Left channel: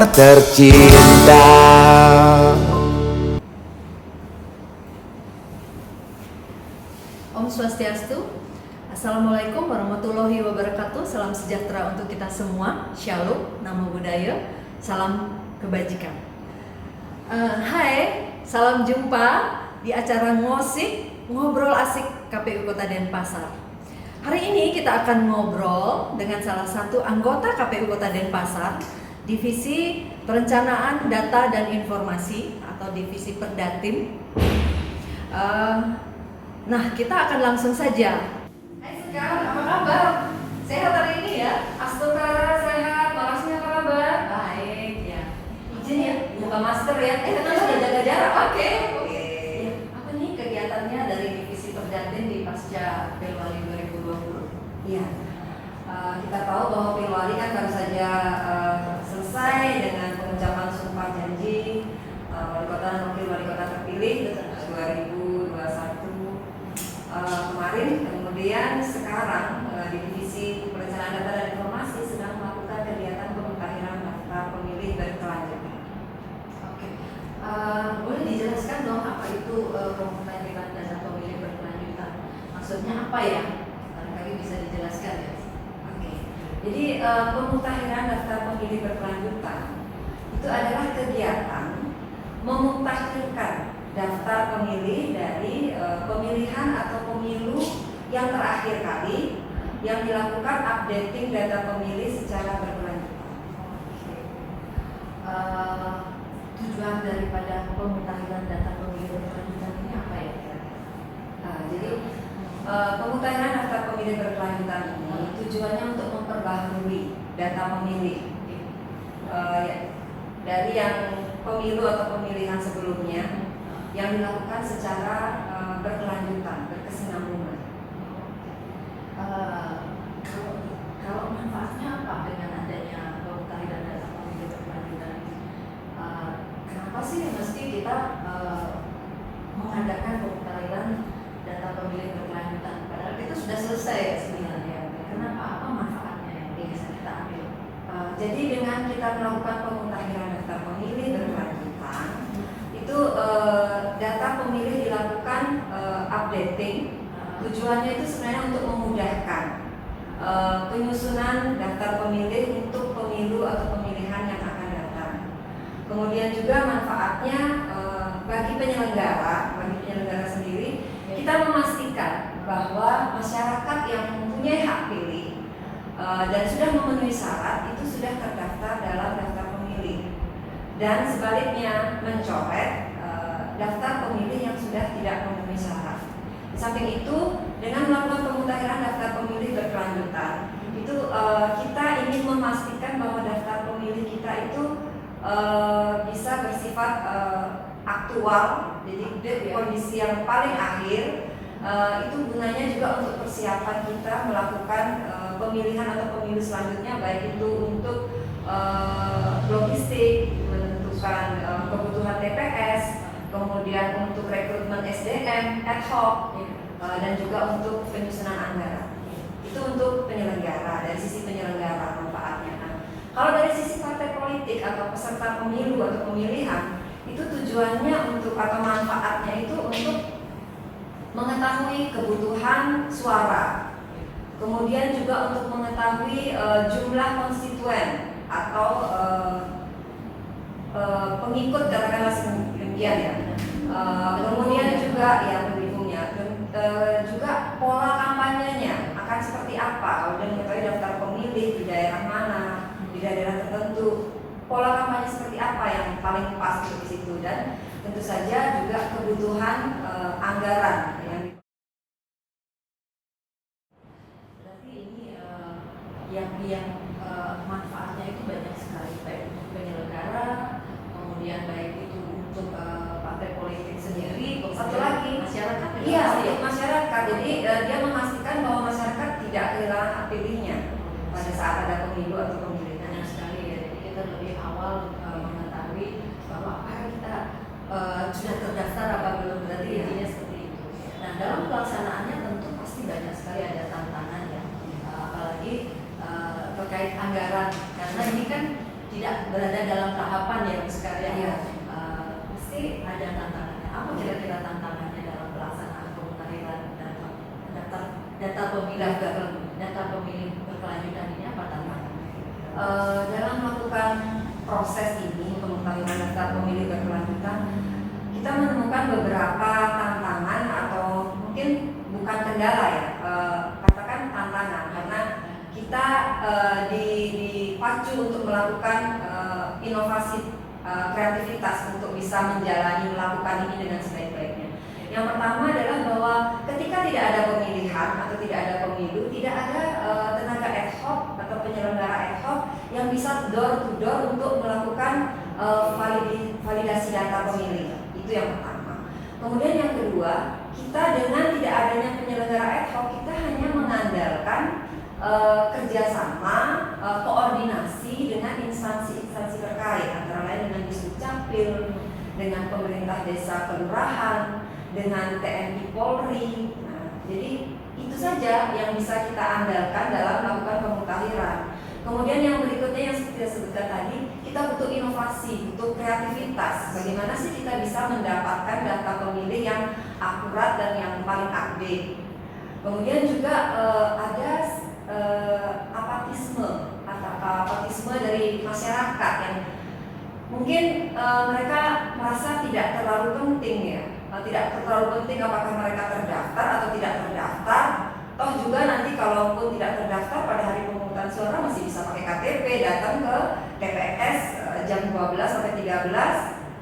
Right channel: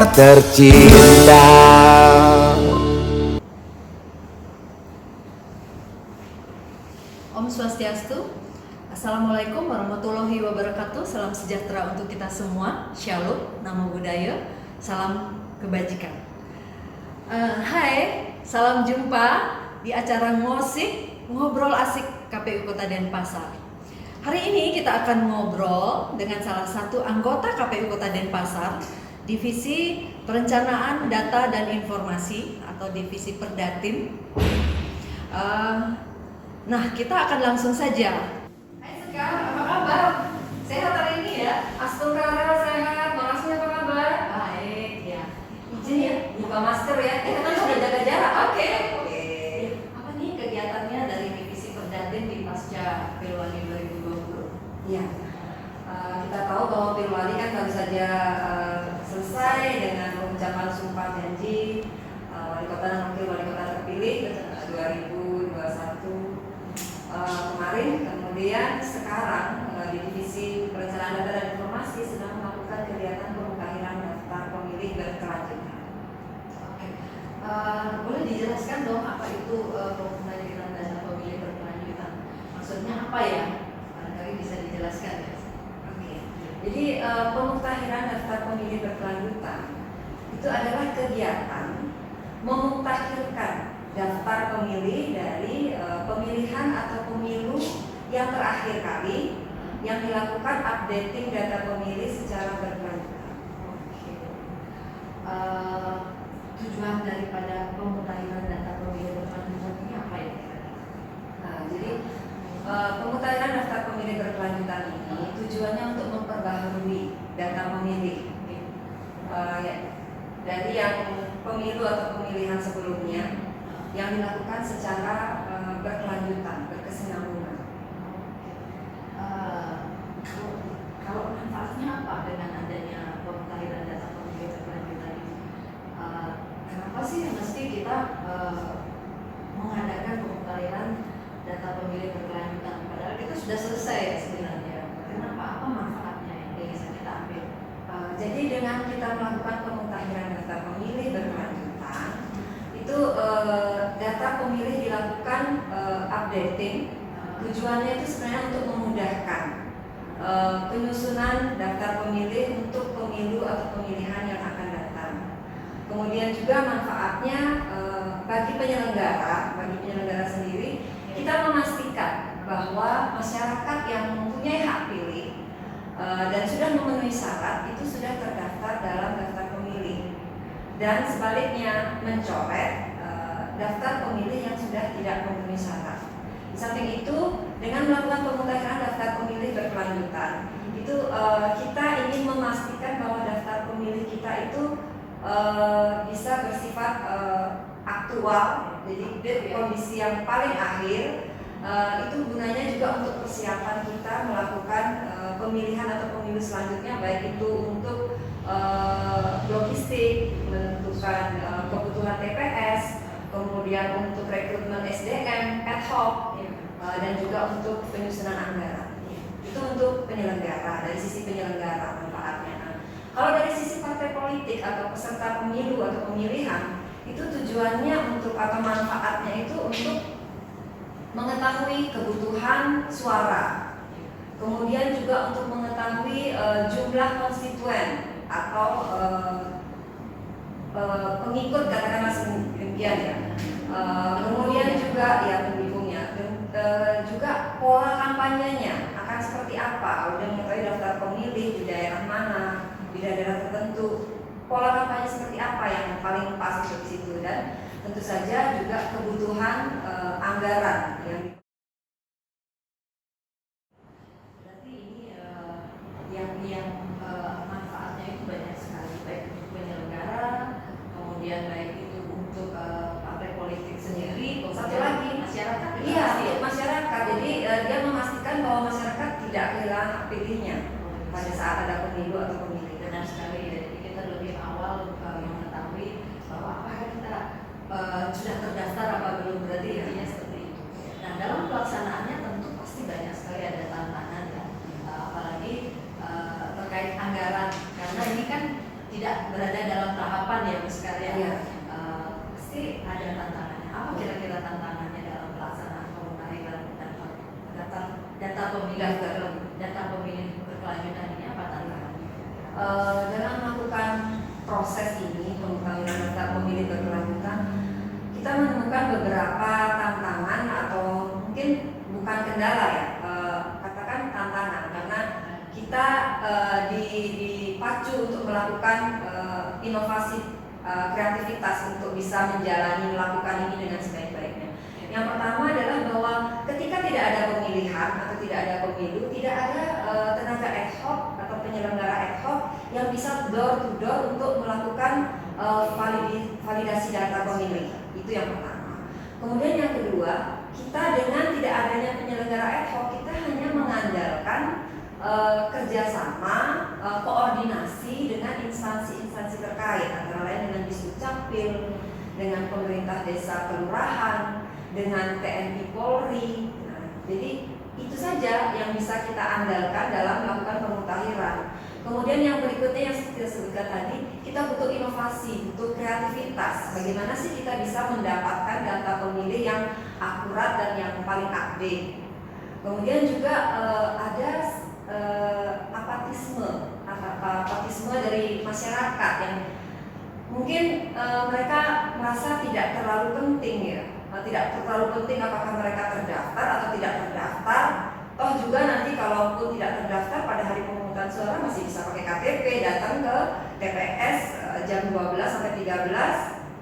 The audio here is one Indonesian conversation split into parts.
pendengar tercinta. Om Swastiastu. Assalamualaikum warahmatullahi wabarakatuh. Salam sejahtera untuk kita semua. Shalom, Namo Buddhaya, salam kebajikan. Hai, salam jumpa di acara ngosik ngobrol asik KPU Kota Denpasar. Hari ini kita akan ngobrol dengan salah satu anggota KPU Kota Denpasar, Divisi Perencanaan Data dan Informasi atau Divisi Perdatim. Nah, kita akan langsung saja. Hai Sekar, apa kabar? Sehat hari ini ya? Astokara sehat, makasih apa kabar? Baik ya. Izin ya, buka masker ya. Kita sudah jaga jarak. Oke. Apa nih kegiatannya dari Divisi Perdatim di pasca Pilwali 2020? Iya. Kita tahu bahwa Pilwali kan baru saja selesai dengan pengucapan sumpah janji wali kota dan wakil wali kota terpilih 2021 kemarin. Kemudian sekarang di Divisi Perencanaan Data dan Informasi sedang melakukan kegiatan pemutahiran daftar pemilih berkelanjutan. Oke. Boleh dijelaskan dong apa itu pemutahiran data pemilih berkelanjutan? Maksudnya apa ya? Barangkali bisa dijelaskan ya. Oke. Jadi pemutahiran daftar pemilih berkelanjutan itu adalah kegiatan memutakhirkan daftar pemilih dari pemilihan atau pemilu yang terakhir kali yang dilakukan updating data pemilih secara berkelanjutan. Tujuan daripada pemutahiran data pemilih berkelanjutan ini apa ya? Jadi pemutahiran daftar pemilih berkelanjutan ini tujuannya untuk memperbaharui data pemilih dari yang pemilu atau pemilihan sebelumnya yang dilakukan secara berkelanjutan, berkesinambungan. Kalau manfaatnya apa dengan adanya pemutahiran data pemilih berkelanjutan ini? Kenapa sih mesti kita mengadakan pemutahiran data pemilih berkelanjutan? Padahal kita sudah selesai ya sebenarnya. Kenapa? Apa manfaatnya yang bisa kita ambil? Jadi dengan kita melakukan pemutahiran data pemilih berkelanjutan, itu data pemilih dilakukan updating. Tujuannya itu sebenarnya untuk memudahkan penyusunan daftar pemilih untuk pemilu atau pemilihan yang akan datang. Kemudian juga manfaatnya bagi penyelenggara sendiri, kita memastikan bahwa masyarakat yang mempunyai hak pilih dan sudah memenuhi syarat itu sudah terdaftar dalam daftar pemilih, dan sebaliknya mencoret daftar pemilih yang sudah tidak memenuhi syarat. Di samping itu, dengan melakukan pemutahiran daftar pemilih berkelanjutan, itu kita ingin memastikan bahwa daftar pemilih kita itu bisa bersifat aktual, jadi kondisi yang paling akhir. Itu gunanya juga untuk persiapan kita melakukan pemilihan atau pemilu selanjutnya, baik itu untuk logistik, menentukan kebutuhan TPS, kemudian untuk rekrutmen SDM ad hoc, dan juga untuk penyusunan anggaran. Itu untuk penyelenggara, dari sisi penyelenggara manfaatnya. Kalau dari sisi partai politik atau peserta pemilu atau pemilihan, itu tujuannya untuk atau manfaatnya itu untuk mengetahui kebutuhan suara, kemudian juga untuk mengetahui jumlah konstituen atau pengikut, katakanlah demikian ya. Kemudian juga ya pendukungnya, juga pola kampanyenya akan seperti apa. Kemudian mengetahui daftar pemilih di daerah mana, di daerah tertentu, pola kampanye seperti apa yang paling pas di situ, dan tentu saja juga kebutuhan anggaran Berarti ini yang manfaatnya itu banyak sekali, baik untuk penyelenggara, kemudian baik itu untuk partai politik sendiri, satu lagi masyarakat. Iya, untuk masyarakat. Jadi dia memastikan bahwa masyarakat tidak hilang hak pilihnya pada saat ada pemilu atau pemilihan. Benar sekali ya. Jadi kita lebih awal mengetahui bahwa apakah kita sudah terdaftar apa belum, berarti intinya seperti itu. Nah, dalam pelaksanaannya tentu pasti banyak sekali ada tantangan ya, apalagi terkait anggaran, karena ini kan tidak berada dalam data pemilih berkelanjutan ini apa tantangannya? Dalam melakukan proses ini pemutahiran data pemilih berkelanjutan, kita menemukan beberapa tantangan atau mungkin bukan kendala ya, katakan tantangan, karena kita dipacu untuk melakukan inovasi kreativitas untuk bisa melakukan ini dengan sebaik-baiknya. Yang pertama adalah bahwa ketika tidak ada pemilihan atau tidak ada pemilu, tidak ada tenaga ad hoc atau penyelenggara ad hoc yang bisa door to door untuk melakukan validasi data pemilih. Itu yang pertama. Kemudian yang kedua, kita dengan tidak adanya penyelenggara ad hoc, kita hanya mengandalkan kerjasama, koordinasi dengan instansi-instansi terkait, antara lain dengan Disdukcapil, dengan pemerintah desa kelurahan, dengan TNI Polri. Nah, jadi itu saja yang bisa kita andalkan dalam melakukan pemutahiran. Kemudian yang berikutnya yang seperti saya sebutkan tadi, kita butuh inovasi, butuh kreativitas. Bagaimana sih kita bisa mendapatkan data pemilih yang akurat dan yang paling update. Kemudian juga ada apatisme dari masyarakat yang mungkin mereka merasa tidak terlalu penting ya, tidak terlalu penting apakah mereka terdaftar atau tidak terdaftar. Toh juga nanti kalaupun tidak terdaftar pada hari pemungutan suara masih bisa pakai KTP, datang ke TPS jam 12 sampai 13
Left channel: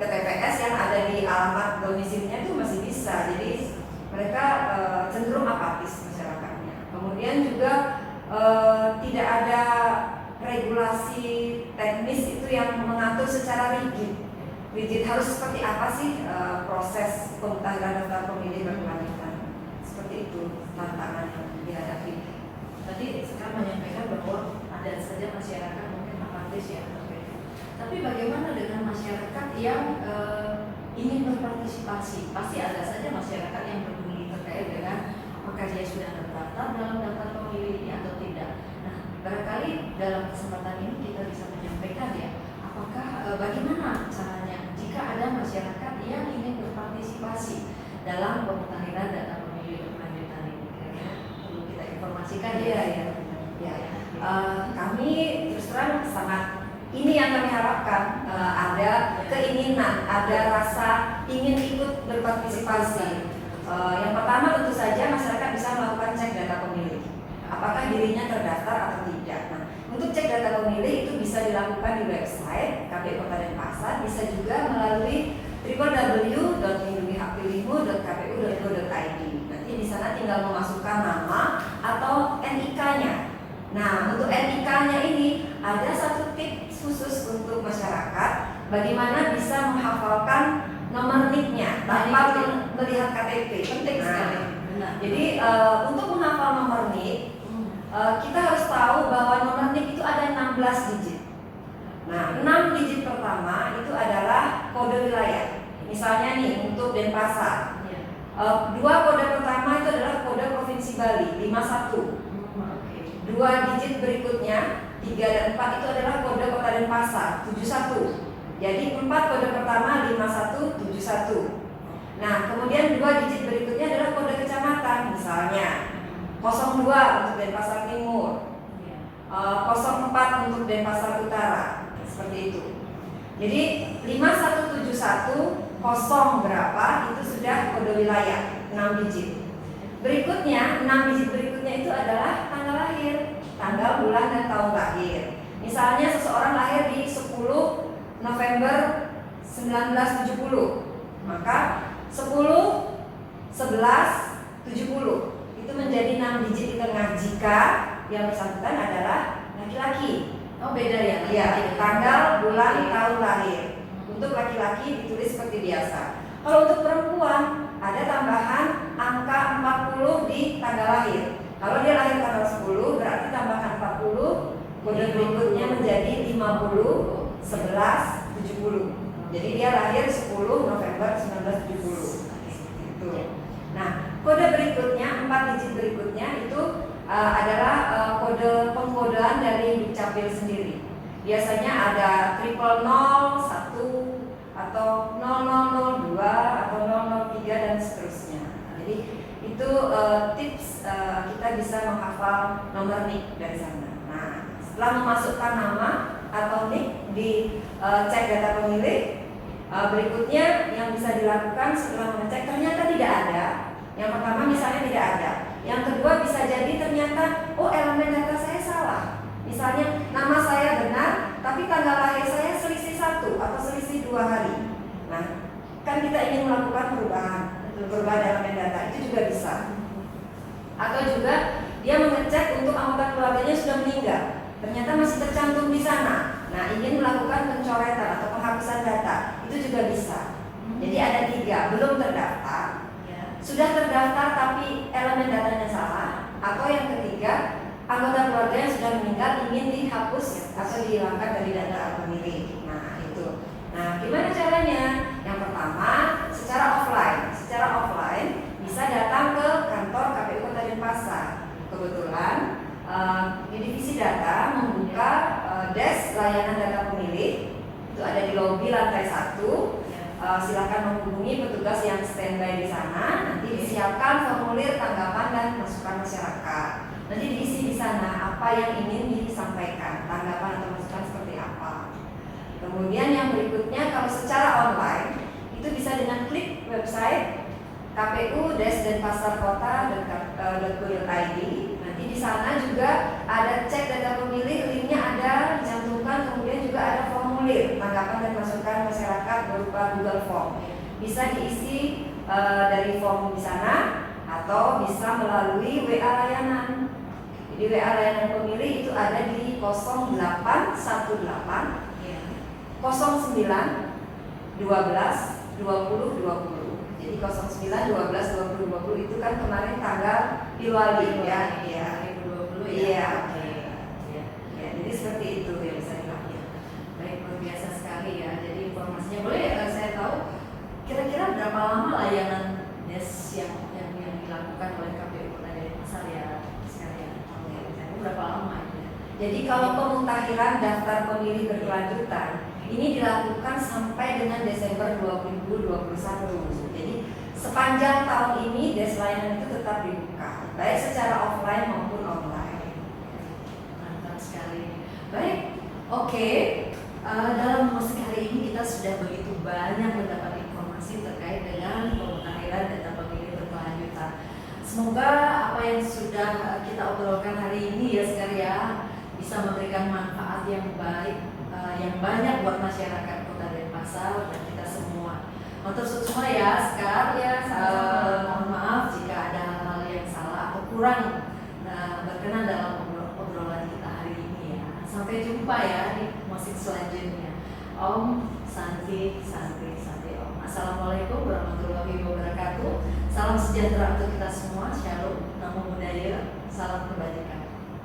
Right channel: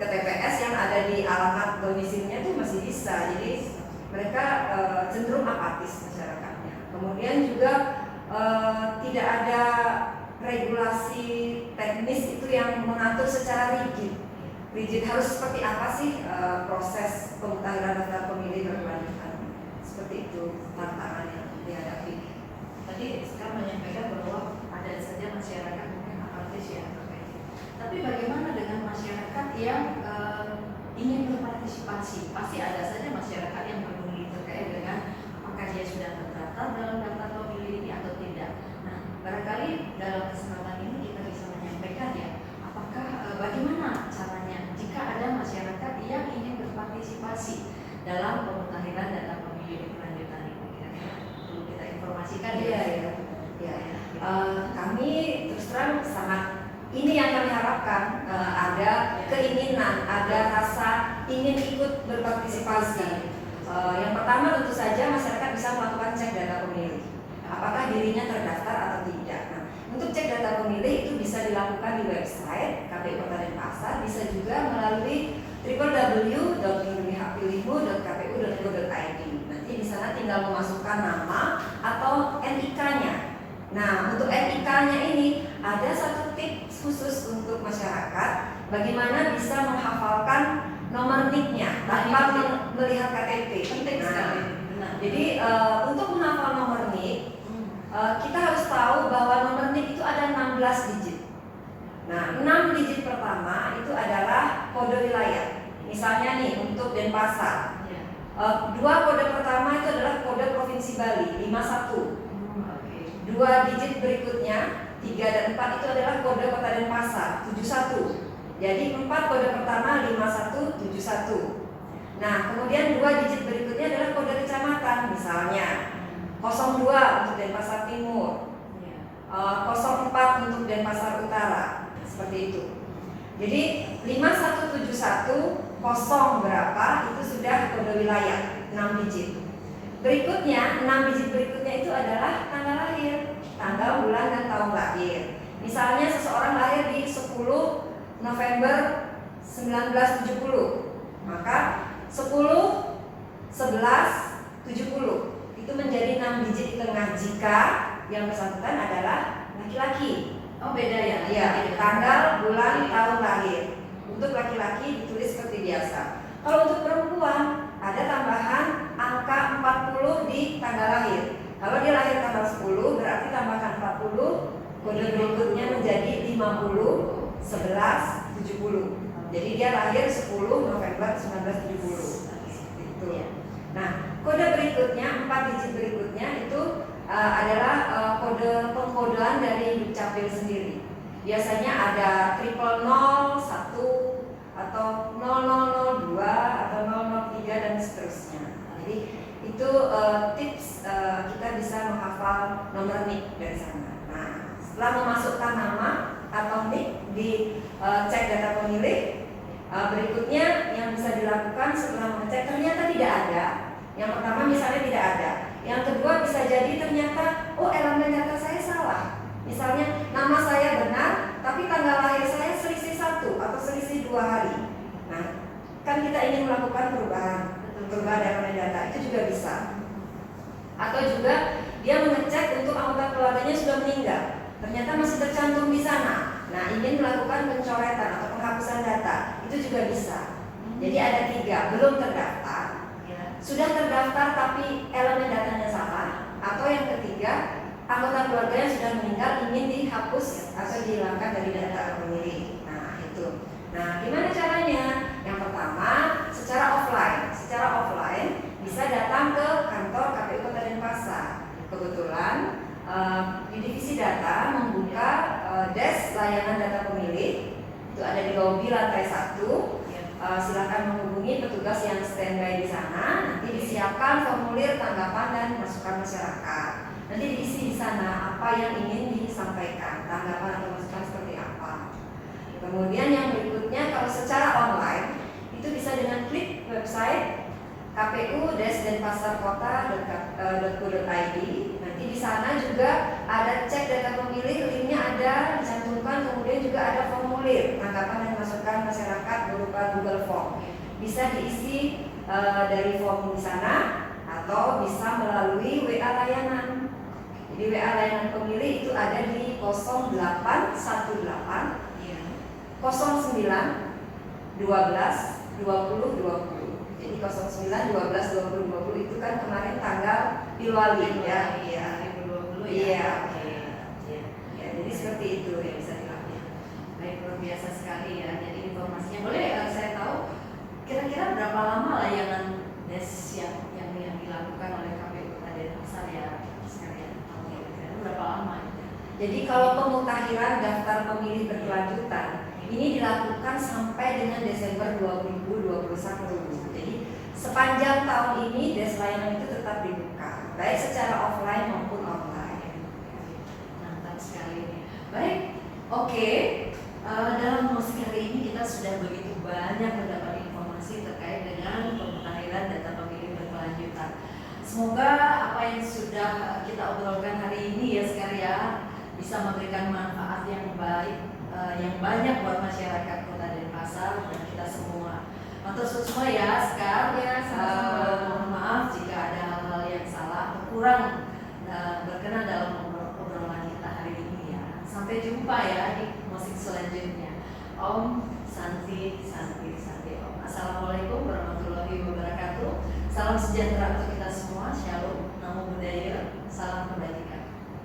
ke TPS yang ada di alamat domisilinya itu masih bisa. Jadi mereka cenderung apatis masyarakatnya. Kemudian juga tidak ada regulasi teknis itu yang mengatur secara rigid harus seperti apa sih proses pemutahiran data pemilih berkelanjutan. Seperti itu tantangan yang dihadapi. Tadi sekarang menyampaikan bahwa ada saja masyarakat mungkin apatis ya. Tapi bagaimana dengan masyarakat yang ingin berpartisipasi? Pasti ada saja masyarakat yang peduli terkait dengan apakah dia sudah terdaftar dalam daftar pemilih atau tidak. Nah, barangkali dalam kesempatan ini kita bisa menyampaikan ya, apakah bagaimana caranya jika ada masyarakat yang ingin berpartisipasi dalam pemutahiran data pemilih berkelanjutan ini? Kira-kira perlu kita informasikan ya. Kami terus terang sangat, ini yang kami harapkan, ada keinginan, ada rasa ingin ikut berpartisipasi. Yang pertama tentu saja masyarakat bisa melakukan cek data pemilih, apakah dirinya terdaftar atau tidak. Nah, untuk cek data pemilih itu bisa dilakukan di website KPU Kota Denpasar, bisa juga melalui www.lindungihakpilihmu.kpu.go.id. Nanti di sana tinggal memasukkan nama atau NIK-nya. Nah, untuk NIK-nya ini ada satu tips khusus untuk masyarakat bagaimana bisa menghafalkan nomor NIK-nya tanpa melihat KTP. Penting sekali. Nah, jadi untuk menghafal nomor NIK, kita harus tahu bahwa nomor NIK itu ada 16 digit. Nah, 6 digit pertama itu adalah kode wilayah. Misalnya nih untuk Denpasar, 2 kode pertama itu adalah kode Provinsi Bali 51. 2 digit berikutnya 3 dan 4 itu adalah kode Kota Denpasar 71. Jadi 4 kode pertama 5171. Nah, kemudian 2 digit berikutnya adalah kode kecamatan, misalnya 02 untuk Denpasar Timur, 04 untuk Denpasar Utara, seperti itu. Jadi 5171 kosong berapa itu sudah kode wilayah 6 digit. Berikutnya 6 digit berikutnya itu adalah tanggal lahir, tanggal, bulan dan tahun lahir. Misalnya seseorang lahir di 10 November 1970, maka 10 11 70 itu menjadi 6 digit di tengah jika yang bersangkutan adalah laki-laki. Oh, beda ya? Ya, tanggal, bulan, tahun lahir. Untuk laki-laki ditulis seperti biasa. Kalau untuk perempuan ada tambahan angka 40 di tanggal lahir. Kalau dia lahir tanggal 10 berarti tambahkan 40, kode berikutnya menjadi 50 11 70. Jadi dia lahir 10 November 1970. Itu. Nah, kode berikutnya 4 digit berikutnya itu adalah kode pengkodean dari Dukcapil sendiri. Biasanya ada 00001 atau 0002 atau 003 dan seterusnya. Jadi itu tips kita kita bisa menghafal nomor NIK dari sana. Nah, setelah memasukkan nama atau NIK di cek data pemilih, berikutnya yang bisa dilakukan setelah mengecek ternyata tidak ada. Yang pertama misalnya tidak ada. Yang kedua bisa jadi ternyata elemen data saya salah. Misalnya nama saya benar, tapi tanggal lahir saya selisih 1 atau selisih 2 hari. Nah, kan kita ingin melakukan perubahan elemen data, itu juga bisa. Atau juga dia mengecek untuk anggota keluarganya sudah meninggal, ternyata masih tercantum di sana. Nah, ingin melakukan pencoretan atau penghapusan data, itu juga bisa. Jadi ada 3, belum terdaftar, sudah terdaftar tapi elemen datanya salah, atau yang ketiga anggota keluarga yang sudah meninggal ingin dihapus atau dihilangkan dari data pemilih. Nah, itu. Nah, gimana caranya? Yang pertama, secara offline bisa datang ke kantor KPU Kota Denpasar. Kebetulan di divisi data membuka desk layanan data pemilih. Itu ada di lobi lantai 1. Silakan menghubungi petugas yang standby di sana. Nanti disiapkan formulir tanggapan dan masukan masyarakat. Nanti diisi di sana apa yang ingin disampaikan, tanggapan atau masukan seperti apa. Kemudian yang berikutnya, kalau secara online itu bisa dengan klik website kpu-denpasarkota.go.id. Nanti di sana juga ada cek data pemilih, linknya ada dicantumkan, kemudian juga ada formulir tanggapan dan masukan masyarakat berupa Google Form. Bisa diisi dari form di sana atau bisa melalui WA layanan. Jadi WA layanan pemilih itu ada di 0818 09 12 20 20. Jadi 09 12 20 20 itu kan kemarin tanggal Pilwali ya. Iya. 2020 ya. Iya. Ya, jadi seperti itu yang bisa dilakukan. Baik, luar biasa sekali ya. Jadi informasinya boleh ya kalau saya tahu kira-kira berapa lama layanan desk yang dilakukan oleh KPU Kota Denpasar ya sekalian. Berapa lama ya? Jadi kalau pemutakhiran daftar pemilih berkelanjutan ini dilakukan sampai dengan Desember 2021. Jadi sepanjang tahun ini desk layanan itu tetap dibuka, baik secara offline maupun online. Mantap sekali. Baik, oke. Dalam musik hari ini kita sudah begitu banyak mendapat informasi terkait dengan pemutakhiran data pemilih berkelanjutan. Semoga apa yang sudah kita obrolkan hari ini ya sekalian bisa memberikan manfaat yang baik, yang banyak buat masyarakat Kota Denpasar dan kita semua. Matur suwun ya Sekar. Ya, Mohon maaf jika ada hal-hal yang salah atau kurang berkenan dalam obrolan kita hari ini ya. Sampai jumpa ya di musik selanjutnya. Om Santi Om. Assalamualaikum warahmatullahi wabarakatuh. Salam sejahtera untuk kita